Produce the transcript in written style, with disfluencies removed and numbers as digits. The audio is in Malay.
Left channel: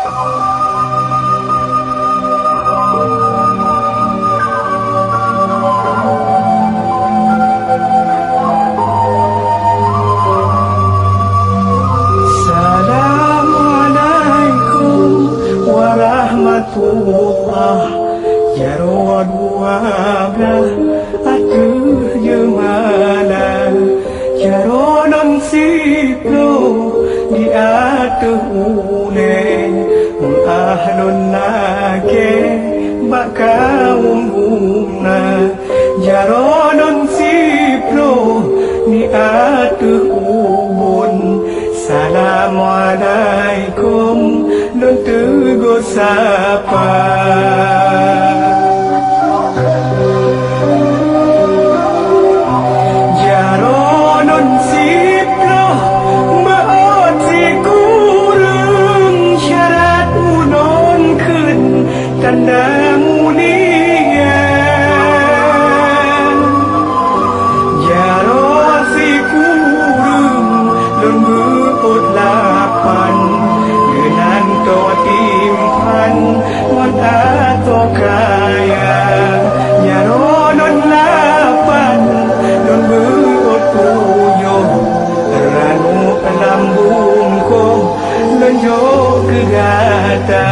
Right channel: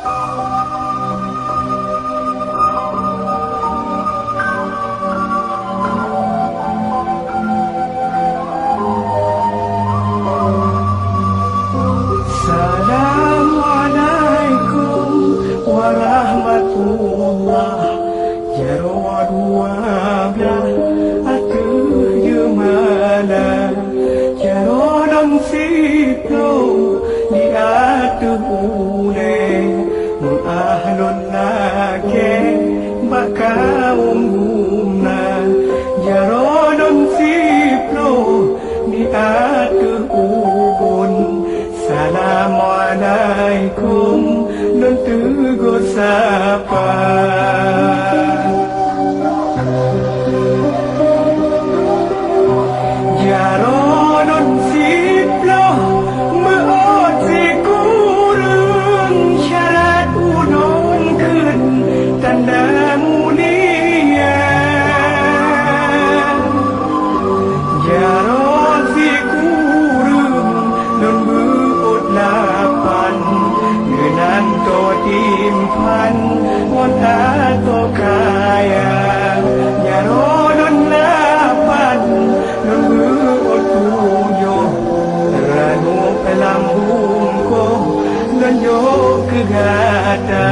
Assalamualaikum warahmatullah. Jaro dua belah atuh jemala. Jaro non siplo di atuh ule. Ahlun nake bak kaum umna. Jaro non siplo di atuh ubun. Assalamualaikum nun tegur sapa. Jaro non siplo meot si kurung syarat unon kun tanda mulia. Jaro si kurung nun lapan genan to timpan ngon ato kaya jaro non lapan non buot tuyo ranu pelambung ko lonjo kegata.